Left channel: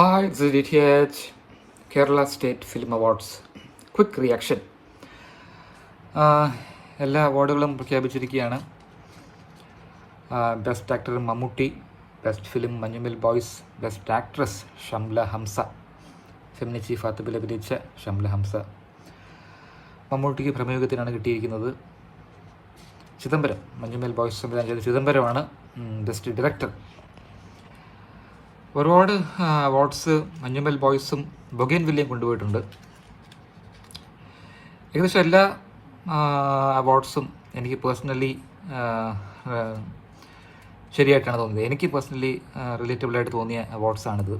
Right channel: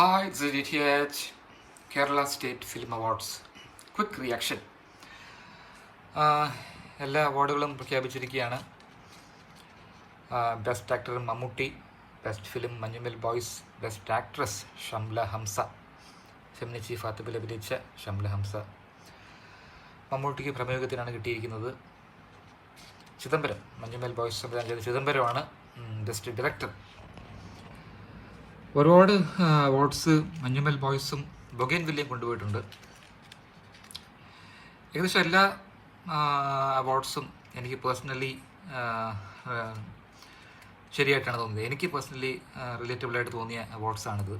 Hi, it's DTH Kerala State Film Awards. Quick reaction. എല്ലാ അവാർഡുകളും പ്രഖ്യാപിച്ചിരിക്കുകയാണ്. Best actor Mammootty, best film Manjummel boys, best actress Shamla Hamsa, Feminichi ഫാത്തിബിൽ അഭിനയിച്ച ഷംല ഹംസ. മമ്മൂട്ടിക്ക് പ്രമേയത്തിനാണ് കിട്ടിയിരിക്കുന്നത്. ചിദംബരം, മഞ്ഞുമൽ ബോയ്സ് സംവിധാനം ചെയ്ത ചിദംബരമാണ് ബെസ്റ്റ് ഡയറക്ടർ. ഒരുപാട് അവാർഡ്സ് മഞ്ഞുമൽ ബോയ്സും ബൊഗൈൻവില്ലയും കൊണ്ടുപോയിട്ടുണ്ട്. ഏകദേശം എല്ലാ അവാർഡ്സും എനിക്ക് പേഴ്സണലി ശരിയായിട്ടാണ് തോന്നിയത്. എനിക്ക് പേഴ്സണലി റിലേറ്റബിളായിട്ട് തോന്നിയ അവാർഡ്സാണിത്.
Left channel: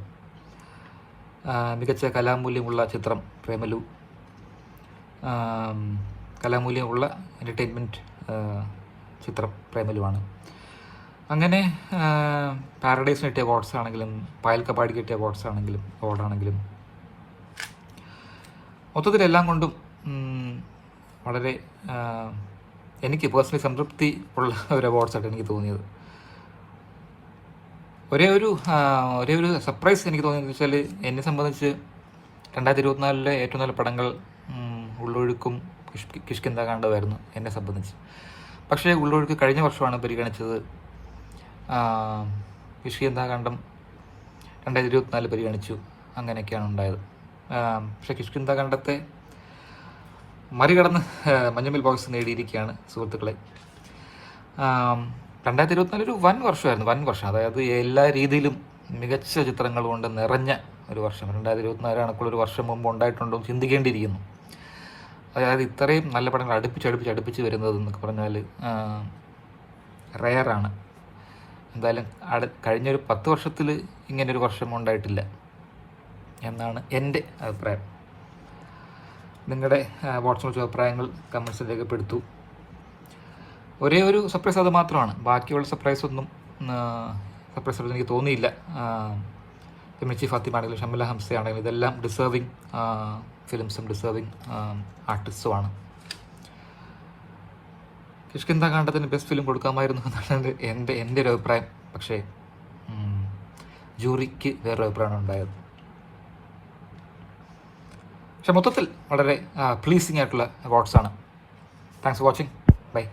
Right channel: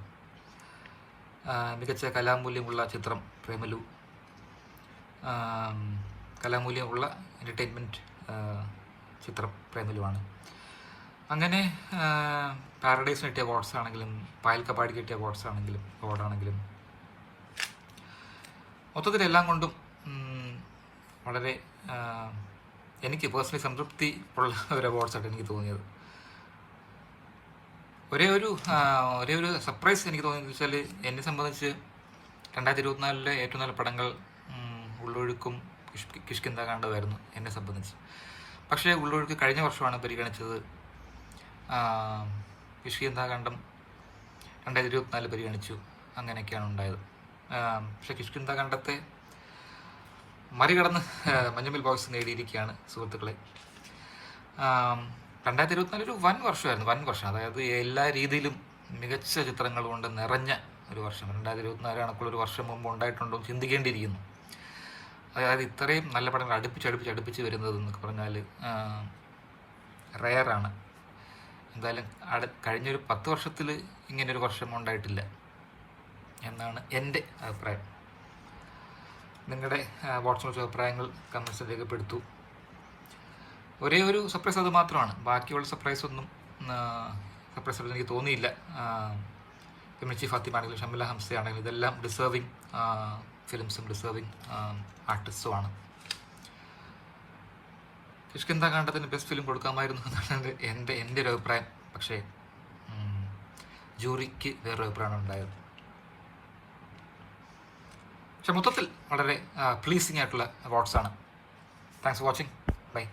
മികച്ച കലാമൂല്യമുള്ള ചിത്രം പ്രേമലു, കലാമൂല്യമുള്ള എൻ്റർടൈൻമെൻറ്റ് ചിത്രം പ്രേമലുവാണ്. അങ്ങനെ പാരഡൈസിന് കിട്ടിയ അവാർഡ്സ് ആണെങ്കിലും പായൽ കപാടിക്ക് കിട്ടിയ അവാർഡാണെങ്കിലും മൊത്തത്തിലെല്ലാം കൊണ്ടും വളരെ എനിക്ക് പേഴ്സണലി സംതൃപ്തി ഉള്ള ഒരു അവാർഡ്സായിട്ട് എനിക്ക് തോന്നിയത്. ഒരേ ഒരു സർപ്രൈസ് എനിക്ക് തോന്നിയെന്ന് വെച്ചാൽ, എന്നെ സംബന്ധിച്ച് 2024 ഏറ്റവും നല്ല പടങ്ങൾ ഉള്ളൊഴുക്കും കിഷ്കിന്ധാകാണ്ഡമായിരുന്നു എന്നെ സംബന്ധിച്ച്. പക്ഷേ ഉള്ളൊഴുക്ക് കഴിഞ്ഞ വർഷമാണ് പരിഗണിച്ചത്. കിഷ്കിന്ധാകാണ്ഡം 2024 പരിഗണിച്ചു. അങ്ങനെയൊക്കെയാണ് ഉണ്ടായത്. പക്ഷേ കിഷ്കിന്ധാകാണ്ഡത്തെ മറികടന്ന് മഞ്ഞുമൽ ബോയ്സ് നേടിയിരിക്കുകയാണ് സുഹൃത്തുക്കളെ. 2024 ഒരു വൻ വർഷം. അതായത് എല്ലാ രീതിയിലും മികച്ച ചിത്രങ്ങൾ കൊണ്ട് നിറഞ്ഞ ഒരു വർഷം. 2024 കണക്കുള്ളൊരു വർഷം മുമ്പ് ഉണ്ടായിട്ടുണ്ടോ ചിന്തിക്കേണ്ടിയിരിക്കുന്നു. അതായത് ഇത്രയും നല്ല പടങ്ങൾ അടുപ്പിച്ച് വരുന്നത് എന്നൊക്കെ പറഞ്ഞാൽ റെയറാണ്. എന്തായാലും കഴിഞ്ഞൊരു 10 വർഷത്തിൽ ഇങ്ങനൊരു വർഷം ഉണ്ടായിട്ടില്ല എന്നാണ് എൻ്റെ അഭിപ്രായം. നിങ്ങളുടെ വാട്സ്ആപ്പ് അഭിപ്രായങ്ങൾ കമൻസിൽ രേഖപ്പെടുത്തൂ. ഒരേ ഒരു സർപ്രൈസ് അത് മാത്രമാണ്. ബാക്കിയുള്ള സർപ്രൈസ് എനിക്ക് തോന്നിയില്ല. ഫെമിനിച്ചി ഫാത്തിമ ആണെങ്കിലും ഷംല ഹംസ ആണെങ്കിലും ഇതെല്ലാം ഡിസേർവിങ് ഫിലിംസും ഡിസേർവിങ് ആർട്ടിസ്റ്റുമാണ്. കിഷ്കിന്ധാകാണ്ഡത്തിന് ബെസ്റ്റ് ഫിലിം കൊടുക്കാമായിരുന്നു എന്നാണ് എൻ്റെ ഒരു അഭിപ്രായം. പക്ഷേ ജൂറിക്ക് വേറൊരു അഭിപ്രായമാണ് ഉണ്ടായത്. പക്ഷെ മൊത്തത്തിൽ വളരെ പ്ലീസിങ് ആയിട്ടുള്ള അവാർഡ്സാണ്. Thanks for watching. ബൈ.